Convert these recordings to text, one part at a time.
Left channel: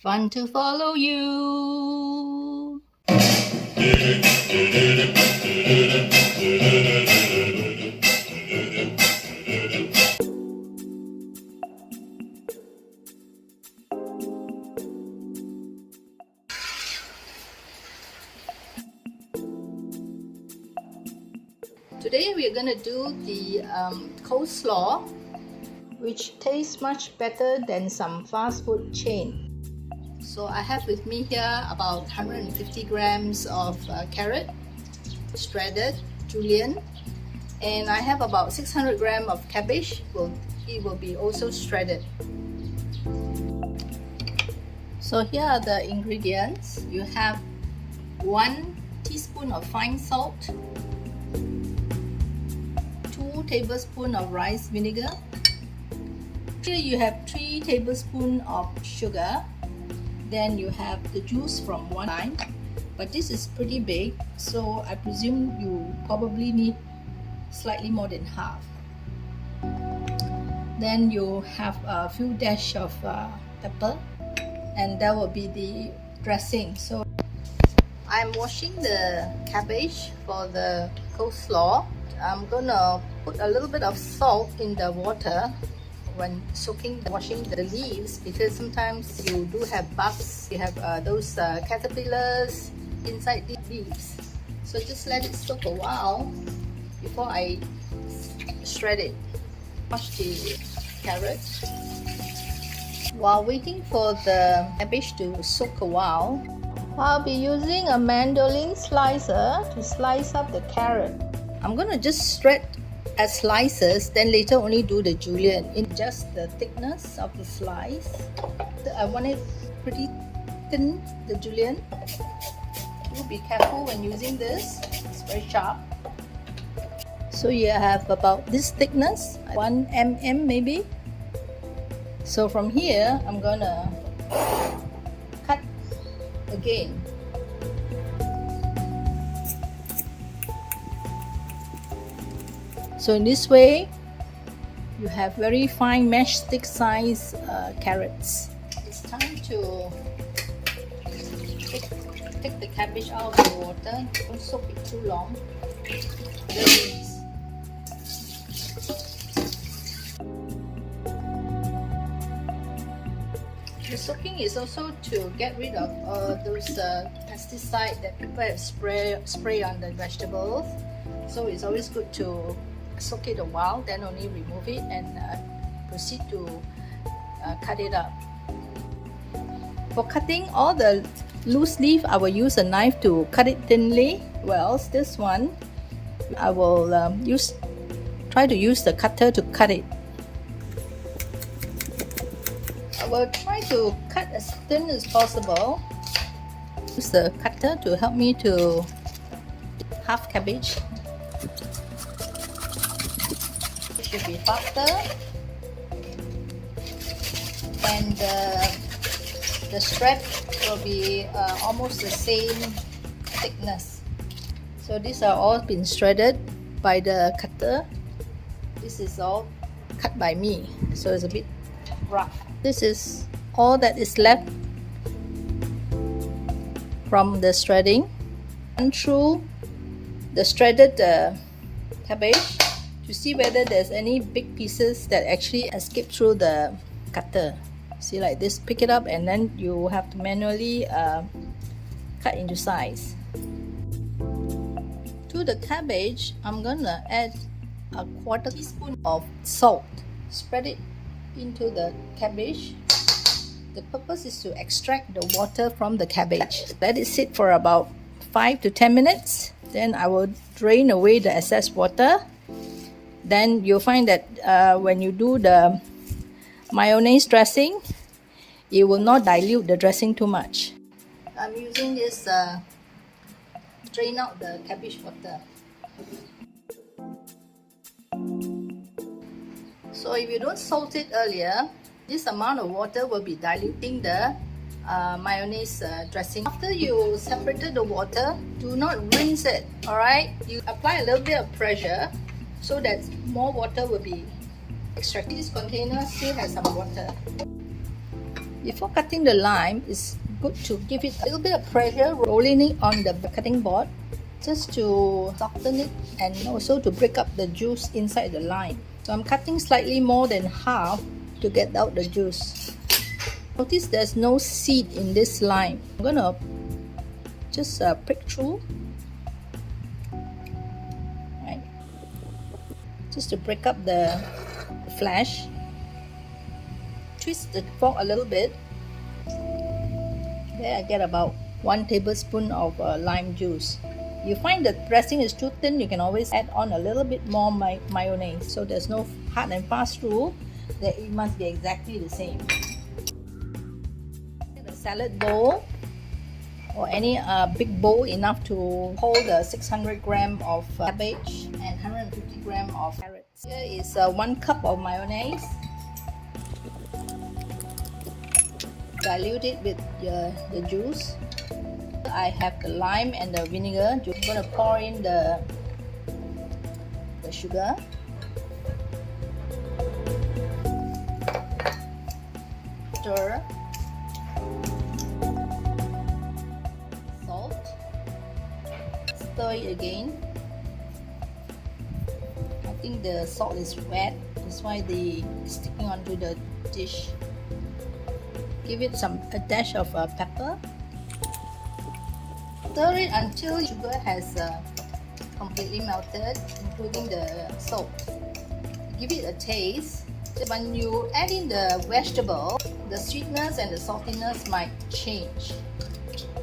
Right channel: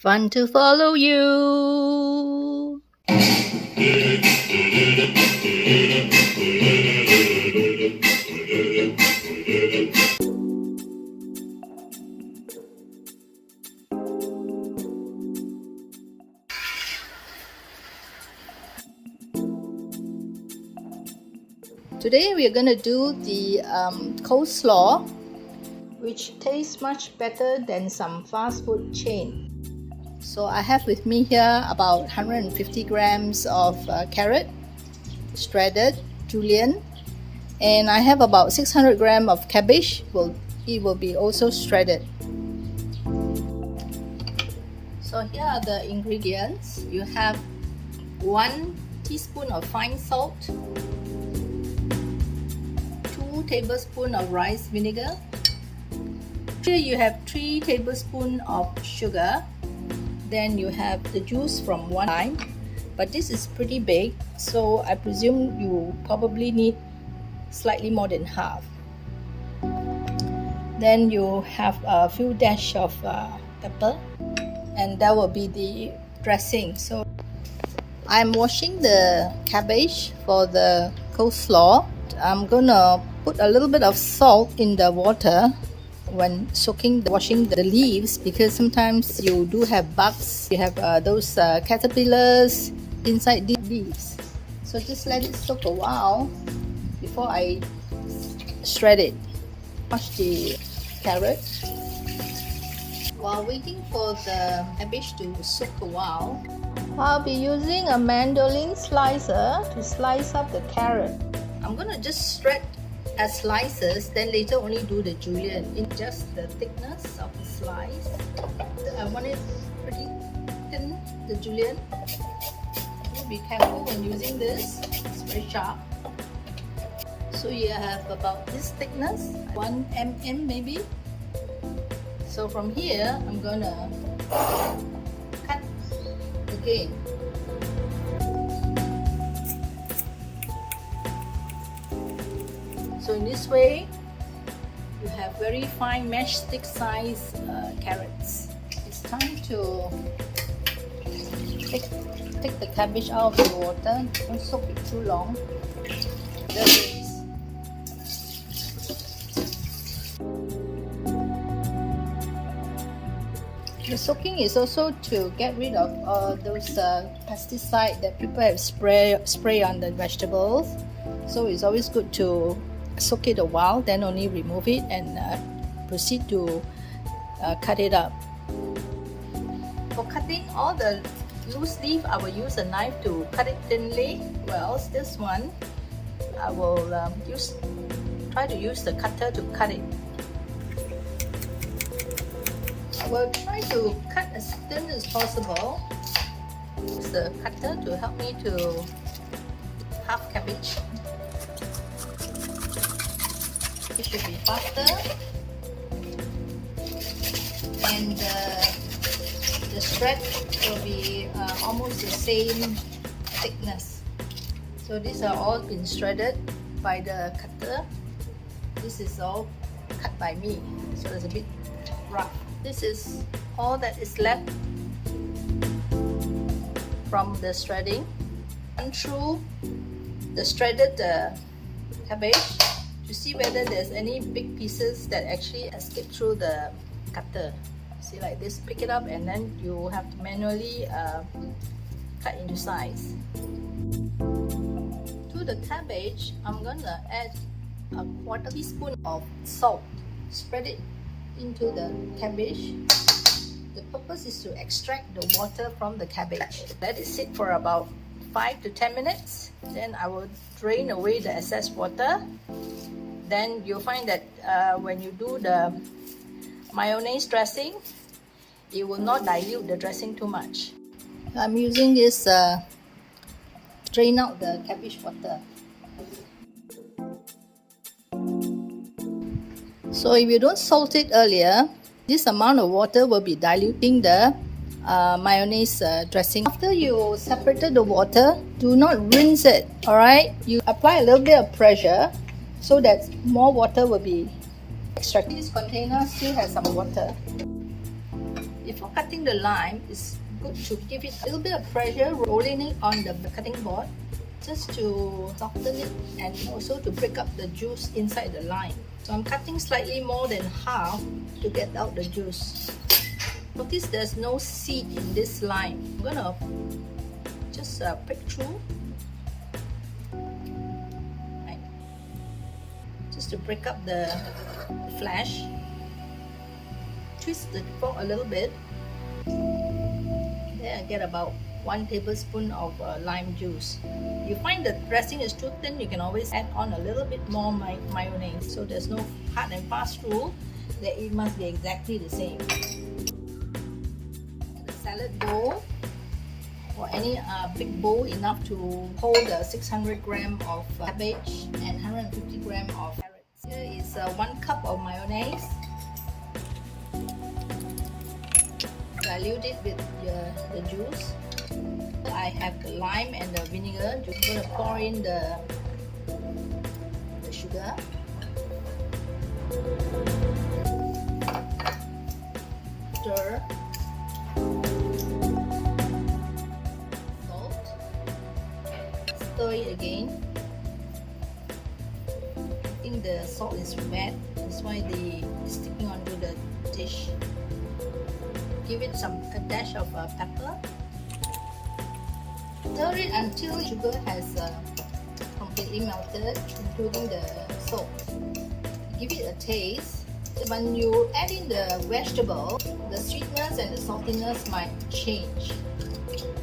Fun to follow you. Today we are going to do the coleslaw, which tastes much better than some fast food chain. So I have with me here about 150 grams of carrot, shredded, julienne, and I have about 600 grams of cabbage. It will be also shredded. So here are the ingredients. You have 1 teaspoon of fine salt, 2 tablespoons of rice vinegar. Here you have 3 tablespoons of sugar. Then you have the juice from 1 lime, but this is pretty big, so I presume you probably need slightly more than half. Then you have a few dash of pepper, and that will be the dressing. So I'm washing the cabbage for the coleslaw. I'm gonna put a little bit of salt in the water when washing the leaves, because sometimes you do have bugs. You have those caterpillars inside these leaves. So just let it soak a while before I shred it. Wash the carrot. While waiting for the cabbage to soak a while, I'll be using a mandolin slicer to slice up the carrot. I'm gonna just shred as slices, then later only do the julienne in just the thickness of the slice. I want it pretty thin, the julienne. Be careful when using this, it's very sharp. So you have about this thickness, 1 mm maybe. So from here, I'm gonna cut again. So in this way, you have very fine matchstick size carrots. It's time to take the cabbage out of the water. Don't soak it too long. The soaking is also to get rid of those pesticides that people have spray on the vegetables. So it's always good to soak it a while, then only remove it and proceed to cut it up. For cutting all the loose leaf, I will use a knife to cut it thinly. Whereas this one, I will try to use the cutter to cut it. I will try to cut as thin as possible. Use the cutter to help me to half cabbage. It should be faster, and the shred will be almost the same thickness. So these are all been shredded by the cutter. This is all cut by me, so it's a bit rough. This is all that is left from the shredding. Run through the shredded cabbage to see whether there's any big pieces that actually escape through the cutter. See, like this, pick it up, and then you have to manually cut into size. To the cabbage, I'm gonna add a 1/4 teaspoon of salt. Spread it into the cabbage. The purpose is to extract the water from the cabbage. Let it sit for about 5 to 10 minutes. Then I will drain away the excess water. Then you'll find that when you do the mayonnaise dressing, it will not dilute the dressing too much. I'm using this drain out the cabbage water. So if you don't salt it earlier, this amount of water will be diluting the mayonnaise dressing. After you separated the water, do not rinse it, alright? You apply a little bit of pressure so that more water will be extracted. This container still has some water. Before cutting the lime, it's good to give it a little bit of pressure, rolling it on the cutting board, just to soften it and also to break up the juice inside the lime. So I'm cutting slightly more than half to get out the juice. Notice there's no seed in this lime. I'm gonna just prick through, right, just to break up the flesh. Twist the fork a little bit. There I get about 1 tablespoon of lime juice. You find the dressing is too thin, you can always add on a little bit more mayonnaise. So there's no hard and fast rule that it must be exactly the same. The salad bowl, or any big bowl enough to hold 600 grams of cabbage and 150 grams of carrots. Here is 1 cup of mayonnaise. Dilute it with the juice. I have the lime and the vinegar. I'm going to pour in the sugar. Stir. Salt. Stir it again. I think the salt is wet, that's why it's sticking onto the dish. Give it a dash of pepper. Stir it until sugar has completely melted, including the salt. Give it a taste. When you add in the vegetable, the sweetness and the saltiness might change.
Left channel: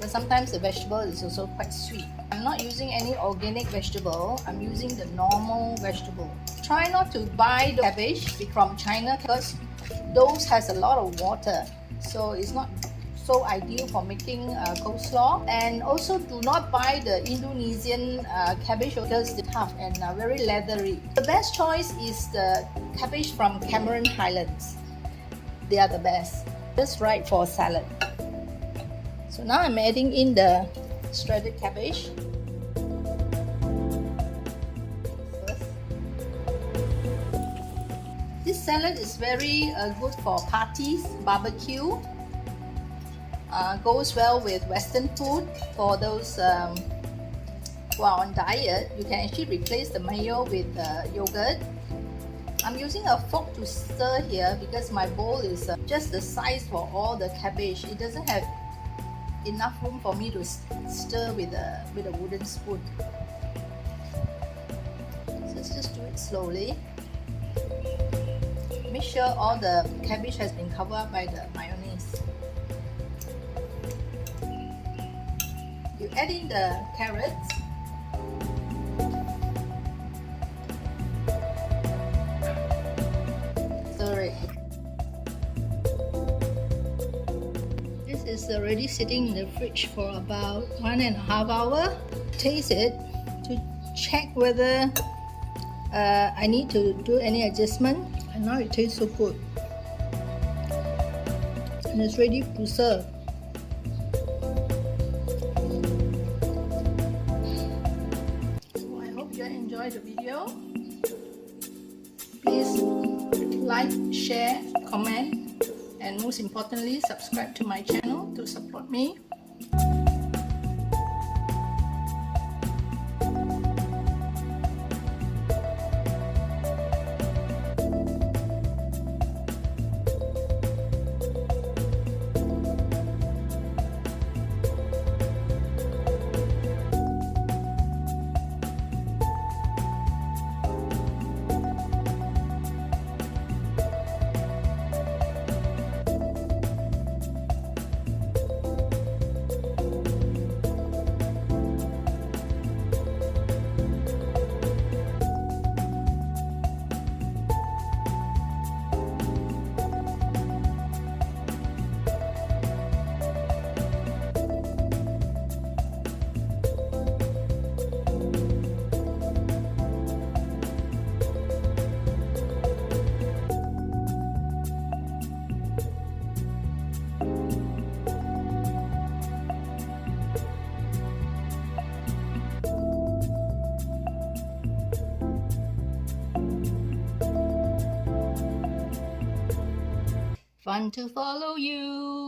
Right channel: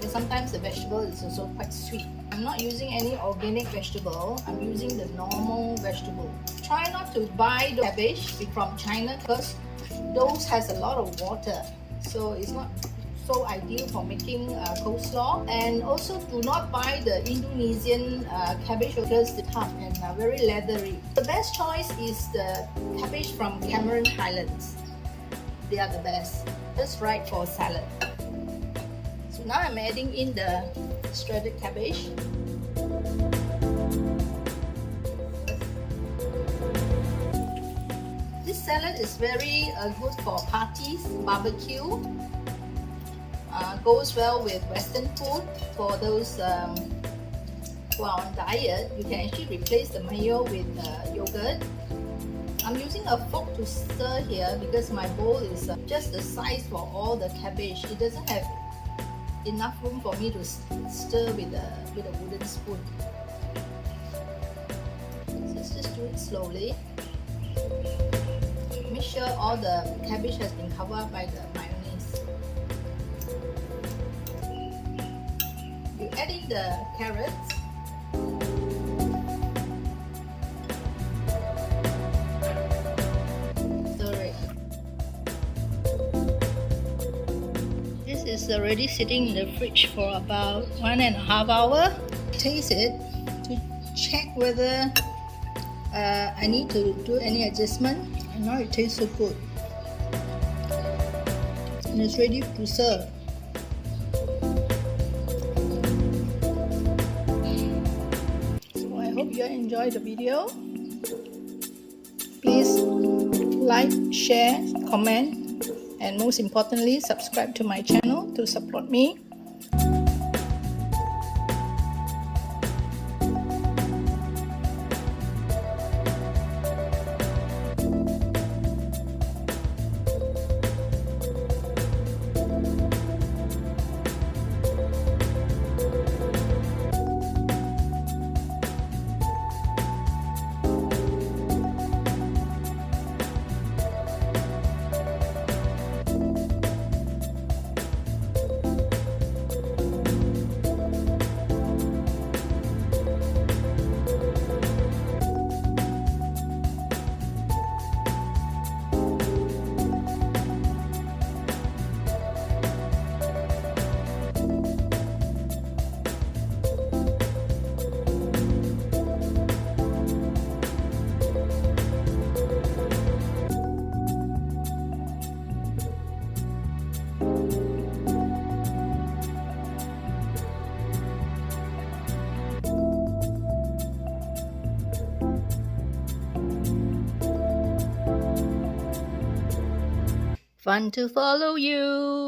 But sometimes the vegetable is also quite sweet. I'm not using any organic vegetable. I'm using the normal vegetable. Try not to buy the cabbage from China because those has a lot of water. So it's not so ideal for making coleslaw. And also do not buy the Indonesian cabbage because they're tough and very leathery. The best choice is the cabbage from Cameron Highlands. They are the best, just right for a salad. So now I'm adding in the shredded cabbage. This salad is very good for parties, barbecue. Goes well with Western food. For those who are on diet, you can actually replace the mayo with yogurt. I'm using a fork to stir here because my bowl is just the size for all the cabbage. It doesn't have enough room for me to stir with a wooden spoon. So let's just do it slowly. Make sure all the cabbage has been covered by the mayonnaise. You add in the carrots. Stir it. This is already sitting in the fridge for about 1.5 hours. Taste it to check whether I need to do any adjustment. And now it tastes so good. And it's ready to serve. So I hope you enjoyed the video. Please like, share, comment, and most importantly, subscribe to my channel to support me. Fun to follow you.